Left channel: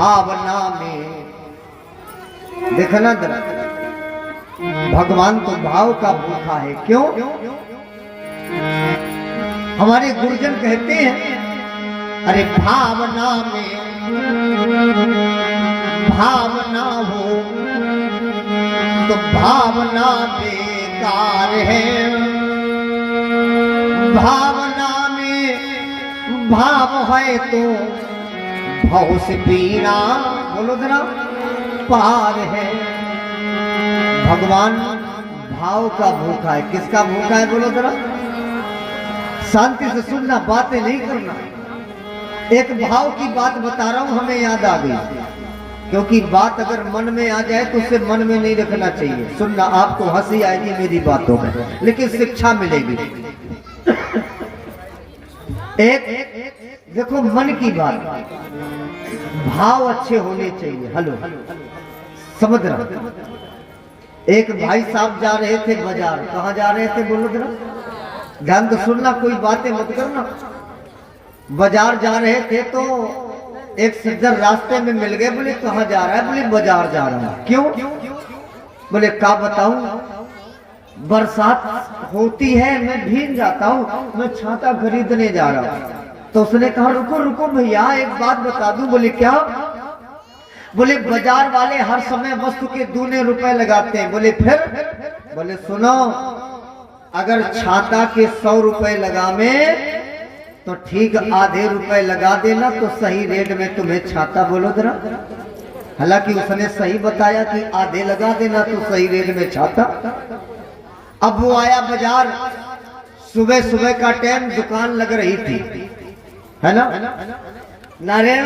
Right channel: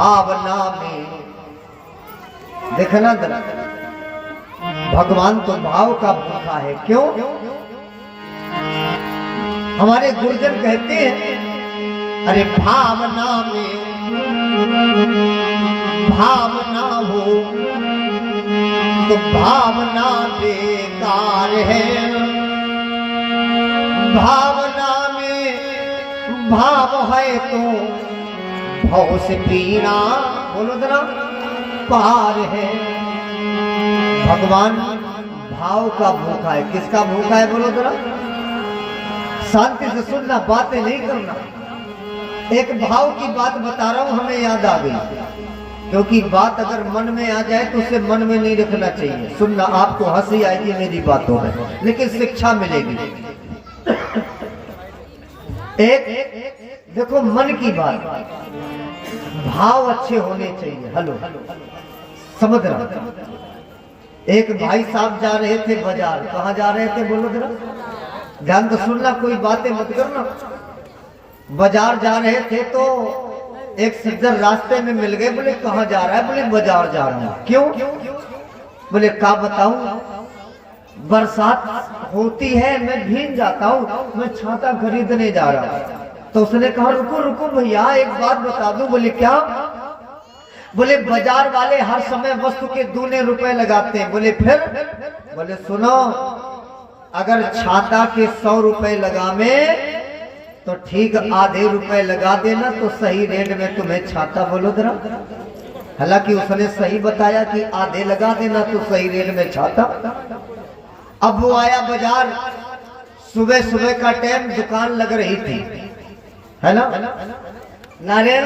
भावना में। देखना जरा, भगवान तो भाव का भूखा है। क्यों? हमारे गुरुजन कहते हैं, अरे भावना में भावना हो तो भावना बेकार है। भावना में भाव है तो भव से पीना, बोलो जरा, पार है। भगवान भाव का भूखा है। किसका भूखा है बोलो जरा? शांति से सुनना, बातें नहीं करना। एक भाव की बात बता रहा हूं, हमें याद आ गई, क्योंकि बात अगर मन में आ जाए तो उसे मन में नहीं रखना चाहिए। सुनना, आपको हंसी आएगी मेरी बातों में, लेकिन शिक्षा मिलेगी। एक देखो, मन की बात, भाव अच्छे होने चाहिए। हेलो, समझ रहा? एक भाई साहब जा रहे थे बाजार। कहाँ जा रहे थे बोलो जरा, ध्यान तो सुनना, कोई बातें मत करना। बाजार जा रहे थे तो एक सज्जन रास्ते में मिल गए। बोले कहाँ जा रहा है? बोले बाजार जा रहा हूँ। क्यों? बोले क्या बताऊं, बरसात होती है, मैं भीग जाता हूँ, मैं छाता खरीदने जा रहा हूँ। तो उसने कहा रुको रुको भैया, एक बात बता दूं। बोले क्या? बोले बाजार वाले हर समय वस्तु के दूने रुपए लगाते हैं। बोले फिर? बोले सुनो, अगर छाता के 100 रुपए लगावे तो ठीक आधे रुपए लगा देना, तो सही रेट में तुम्हें छाता। बोलो जरा, हालांकि उसने सही बताया कि आधे लगा देना तो सही रेट में छाता। अब वो आया बाजार, सुबह सुबह का टाइम, दुकान लग रही थी, है ना नारायण?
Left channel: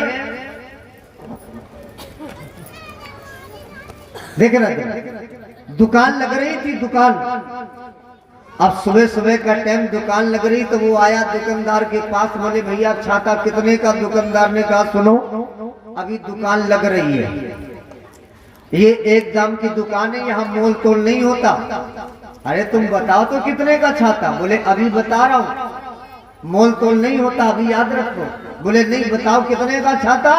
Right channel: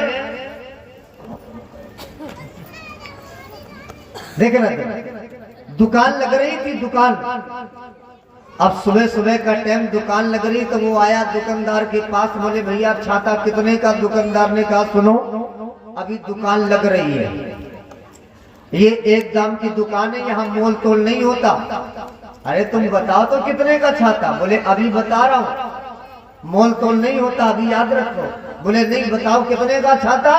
देखना, दुकान लग रही थी, दुकान। अब सुबह सुबह का टाइम, दुकान लग रही, तो वो आया दुकानदार के पास। बोले भैया छाता कितने का? दुकानदार ने कहा सुनो, अभी दुकान लग रही है, ये एक दाम की दुकान है, यहाँ मोल तोल नहीं होता। अरे तुम बताओ तो कितने का छाता? बोले अभी बता रहा हूँ, मोल तोल नहीं होता, अभी याद रखो। बोले नहीं, बताओ कितने का छाता?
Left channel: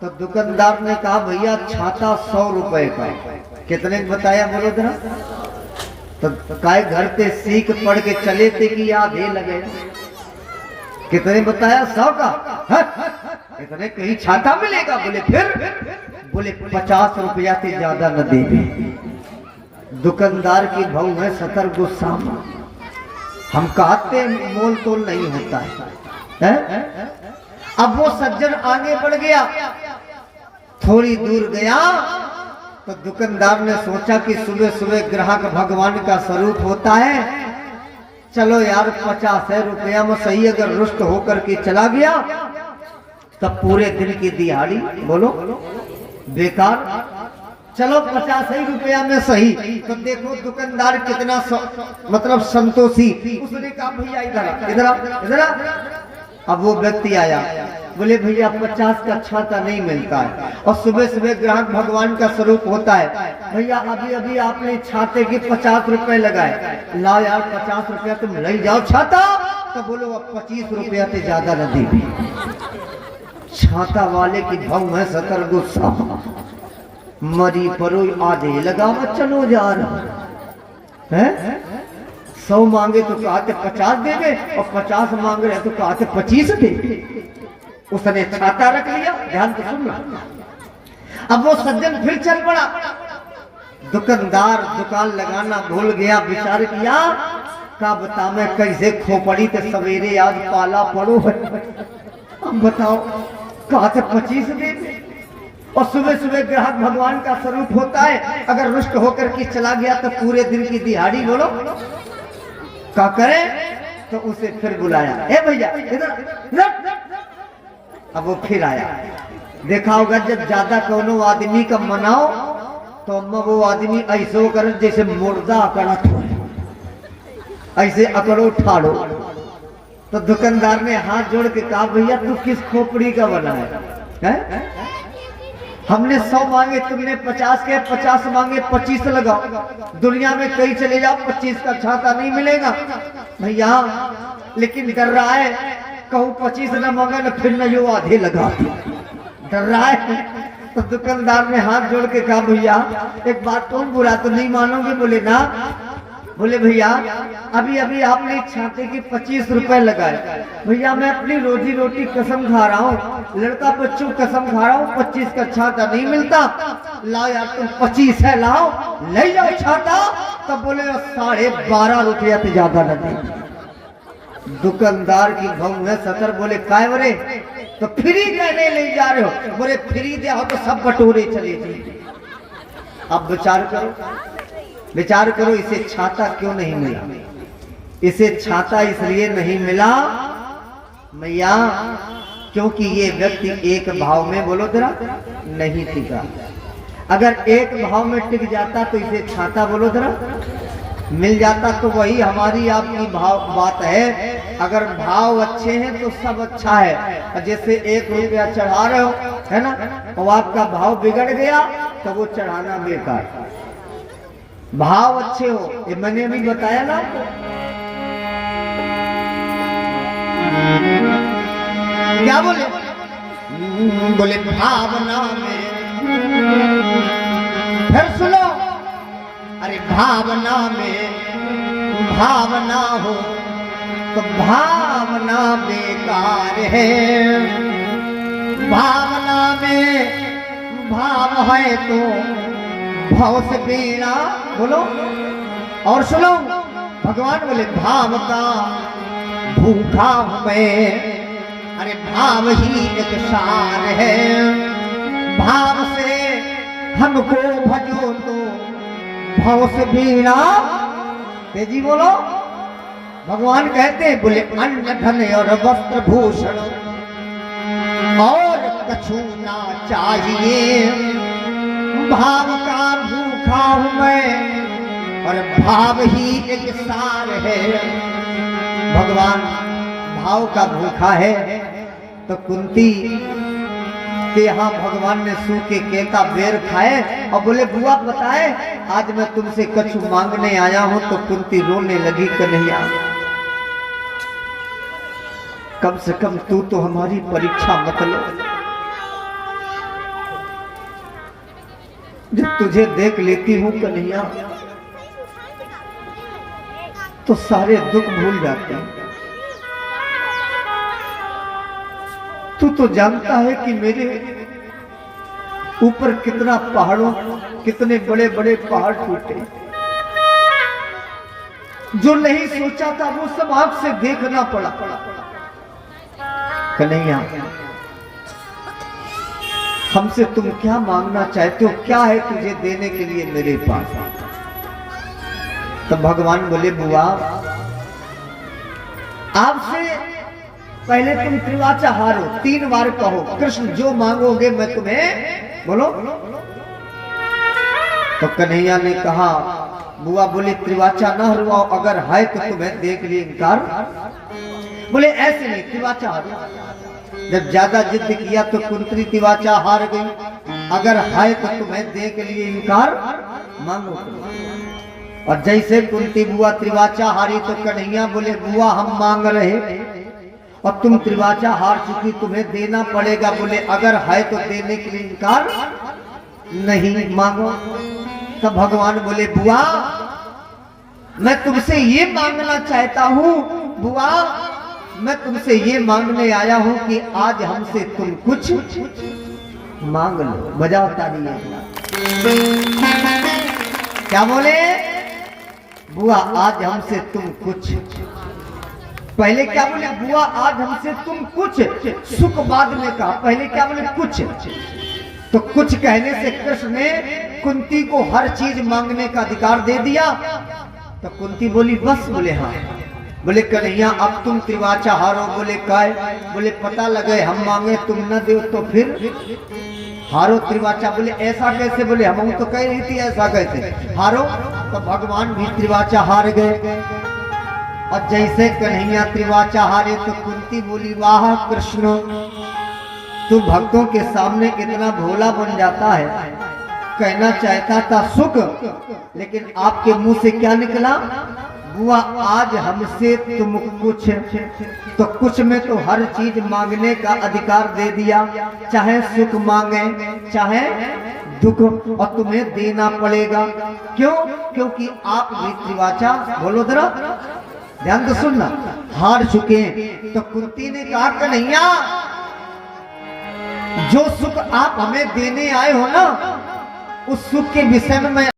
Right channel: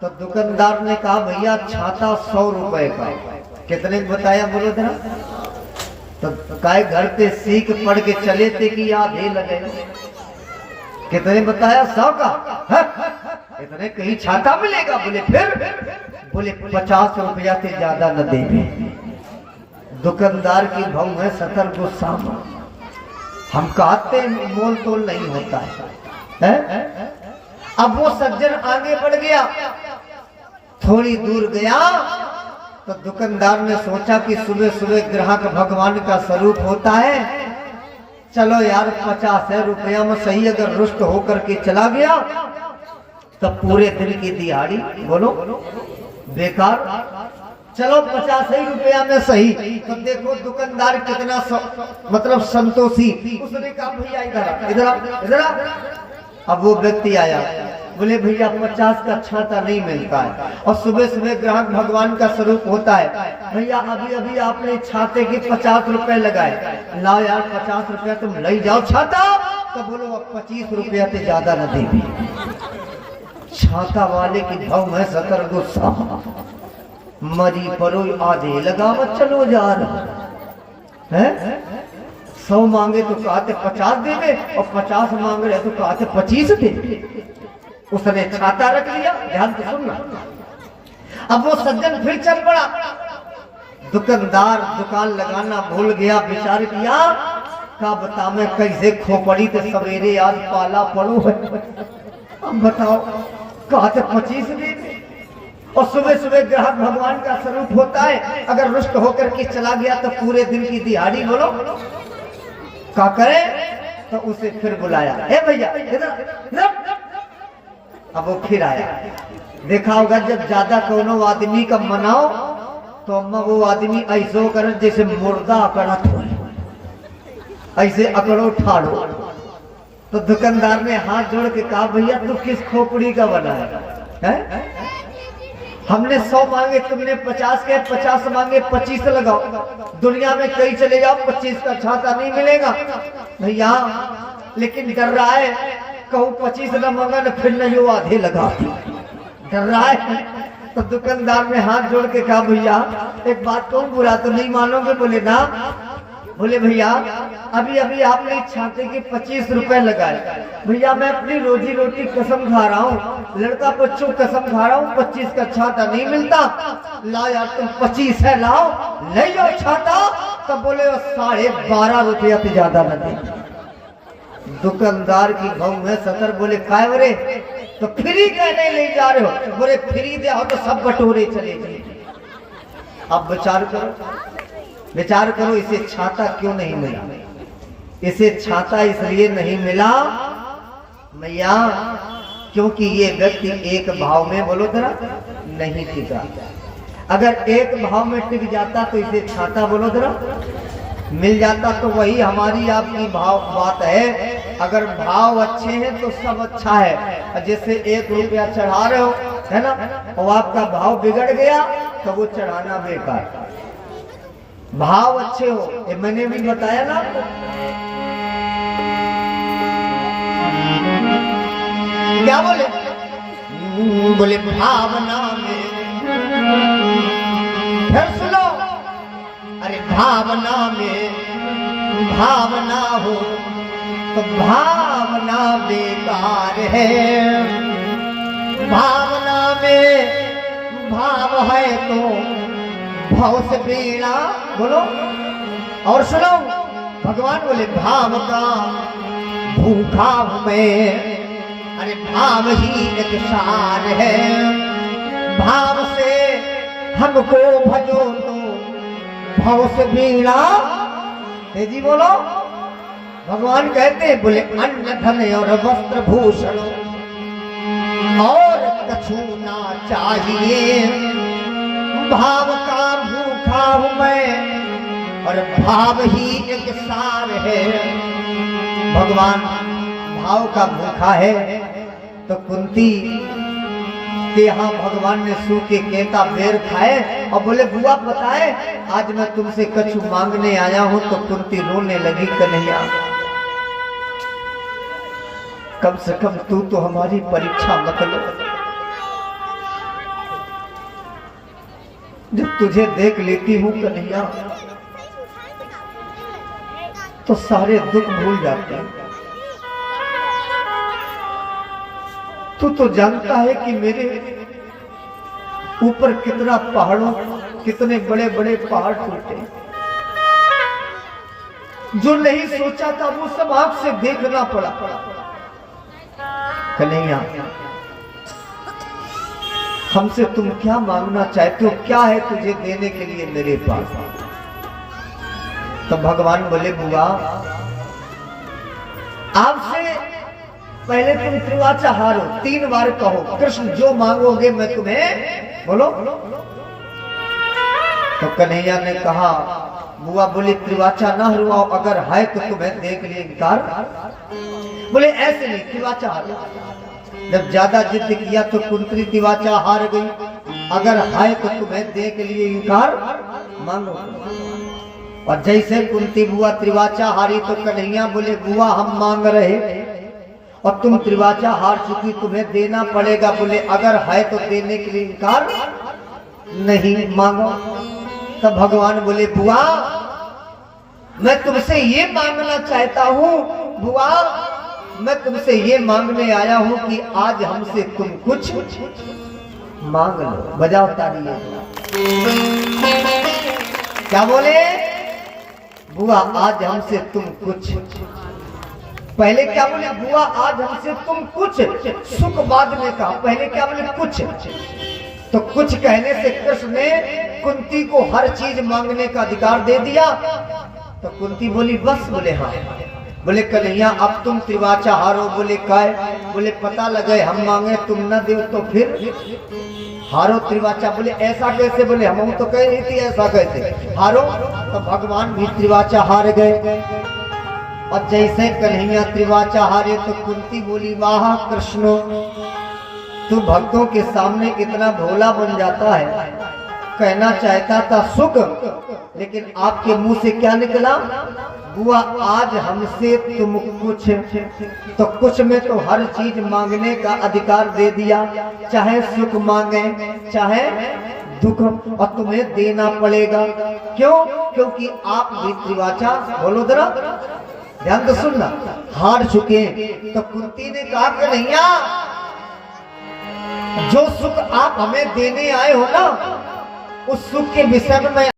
तो दुकानदार ने कहा भैया छाता 100 रुपए का। कितने बताया बोलो जरा? तो काय घर पे सीख पढ़ के चले थे कि आधे लगे। कितने बताया? 100 का। इतने कहीं छाता मिलेगा? बोले फिर? बोले 50 रुपया से ज्यादा न देंगे। दुकानदार की भाव में 70 गुस्सा। हम कहते मोल तोल नहीं होता है? अब वो सज्जन आगे बढ़ गया, थोड़ी दूर गया तो दुकानदार ने सोचा कि सुबह सुबह ग्राहक भगवान का स्वरूप होता है, चलो यार 50 रुपया में सही अगर रुष्ट होकर के चला गया तब पूरे दिन की दिहाड़ी बोलो बेकार। चलो 50 रुपया में सही। तो देखो दुकानदार कितना मतलब संतोषी। उसने कहा भैया इधर इधर इधर। अब वो व्यक्ति आया, बोले भैया 50 का छाता नहीं मिलता है, और सुबह सुबह ग्राहक भगवान का स्वरूप होता है। भैया अभी अभी आपने छाते के 50 रुपए लगाए, ला यार 50 रुपया तुम ले जाओ छाता। तो बोलो अब 25 रुपया से ज्यादा न दे। छाता वाले की भाव में 70 गुस्सा। मरी परो आधे लगा मत चलो जा रहा है। 100 मांगे तो कहते 50 दे दे, और 50 मांग रहे तो कहते 25 दे। उसने छाता रख लिया। ध्यान तो सुनना। अब वो सज्जन फिर चल पड़ा। दुकानदार दुकान लगाना भूल गया, विचार किया का बता मैं कैसे खोपड़ी ते सवेरे आज पाला पड़ो। अब बताओ कहते 25 दे दे, और सुबह सुबह ग्राहक भगवान का स्वरूप होता है, अगर रुष्ट होकर के चला गया तो पूरे दिन की दिहाड़ी बोलो क्या करे। तो उसे फिर बुलाया, ए भैया इधर। अब वो फिर आया। देखा होगा जब ज्यादा कोनो आदमी का मनाओ तो अम्मा वो आदमी ऐसे कर जैसे मुर्दा अकड़ा थो, ऐसे अकड़ो ठाड़ो। तो दुकानदार ने हाथ जोड़ के कहा भैया तू किस खोपड़ी का बना है? हमने 100 मांगे, तुमने 50 के, 50 मांगे 25 लगाओ। दुनिया में कहीं चले जाओ 25 का छाता नहीं मिलेगा भैया, लेकिन डर रहा है कहूँ 25 न मांगा न फिर न जो आधे लगा दी। डर रहा है। तो दुकानदार ने हाथ जोड़ के कहा भैया एक बात कहूं, बुरा तो नहीं मानोगे? बोले ना। बोले भैया अभी अभी आपने छाते के 25 रुपए लगाए। भैया मैं अपनी रोजी रोटी कसम खा रहा हूँ, लड़का बच्चों कसम खा रहा हूँ, 25 का छाता नहीं मिलता। ला यार तुम 25 है, लाओ ले जाओ छाता। तब बोले 12.5 रुपया से ज्यादा लगे। दुकानदार की भाव में सतर बोले काय बोले तो फ्री देने ले जा रहे हो? बोले फ्री दे हो तो सब बटोरे चले जाए। अब विचार करो इसे छाता क्यों नहीं मिला? इसे छाता इसलिए नहीं मिला मैया क्योंकि ये व्यक्ति एक भाव में, बोलो जरा, नहीं टिका। अगर एक भाव में टिक जाता तो इसे छाता, बोलो जरा, मिल जाता। तो वही हमारी आपकी बात है, अगर भाव अच्छे हैं तो सब अच्छा है। जैसे 1 रुपया चढ़ा रहे हो है ना, और आपका भाव बिगड़ गया तो वो चढ़ाना बेकार। भाव अच्छे हो, ये मैंने भी बताया ना आपको। क्या बोले? बोले भावना में, फिर सुनो, अरे भावना में भावना हो तो भावना बेकार है। भावना में भाव है तो भाव से बीना, बोलो। और सुनो, भगवान बोले भाव का भूखा हूं मैं, अरे भाव ही एक सार है। भाव से हमको भजो तो भाव से बीना। जी बोलो। भगवान कहते हैं बोले अन्न धन और वस्त्र भूषण और कछु ना चाहिए। भाव का भूखा हूं मैं और भाव ही एक सार है। भगवान भाव का भूखा है। तो कुंती के यहाँ भगवान ने सूखे केला बेर खाए और बोले बुआ बताए आज मैं तुमसे कछु मांगने आया हूं। तो कुंती रोने लगी, कन्हैया कम से कम तू तो हमारी परीक्षा मत लो। जब तुझे देख लेती हूं कन्हैया तो सारे दुख भूल जाते हैं। तू तो जानता है कि मेरे ऊपर कितना पहाड़ों, कितने बड़े बड़े पहाड़ टूटे। जो नहीं सोचा था वो सब आंख से देखना पड़ा। कन्हैया हमसे तुम क्या मांगना चाहते हो? क्या है तुझे देने के लिए मेरे पास? तो भगवान बोले बुआ आपसे पहले तुम त्रिवाचा हारो, 3 बार कहो कृष्ण जो मांगोगे मैं तुम्हें, बोलो। तो कन्हैया ने कहा बुआ बोले त्रिवाचा ना हरवाओ, अगर है तो तुम्हें देख लिए इनकार। बोले ऐसे नहीं, त्रिवाचा हारो। जब ज्यादा जिद किया तो कुंती त्रिवाचा हार गई। अगर है तो तुम्हें देख लिए इनकार, मांगो। और जैसे कुंती बुआ त्रिवाचा हारी तो कन्हैया बोले बुआ हम मांग रहे और तुम त्रिवाचा हार चुकी, तुम्हें देना पड़ेगा। बोले अगर है तो देने के लिए इनकार नहीं, मांगो। तब भगवान बोले बुआ मैं तुमसे ये मांगना चाहता हूँ, बुआ मैं तुमसे ये मांगने आया हूँ कि आज हमसे तुम कुछ मांग लो। बजाओ तालियां। क्या बोले? बुआ आज हमसे तुम कुछ, पहले क्या बोले? बुआ आज हमसे तुम कुछ, सुख बाद में कहा। पहले क्या बोले? कुछ। तो कुछ कहने से कृष्ण ने कुंती को हर चीज मांगने का अधिकार दे दिया। तो कुंती बोली बस। बोले हाँ। बोले कन्हैया अब तुम त्रिवाचा हारो। बोले काय? बोले पता लगे हम मांगे तुम न दो तो फिर हारो त्रिवाचा। बोले ऐसा कैसे? बोले हम तो कह रही थी ऐसा कैसे हारो। तो भगवान भी त्रिवाचा हार गए। और जैसे कन्हैया त्रिवाचा हारे तो कुंती बोली वाह कृष्ण तू भक्तों के सामने कितना भोला बन जाता है। कहना चाहता था सुख, लेकिन आपके मुंह से क्या निकला? बुआ आज हमसे तुम कुछ तो कुछ में तो हर चीज मांगने का अधिकार दे दिया, चाहे सुख मांगे चाहे दुख, और तुम्हें देना पड़ेगा। क्यों? क्योंकि आप रीतिवाचा, बोलो जरा ध्यान तो सुनना, हार चुके। तो कुंती ने कहा कन्हैया जो सुख आप हमें देने आए हो ना, उस सुख के विषय में मैं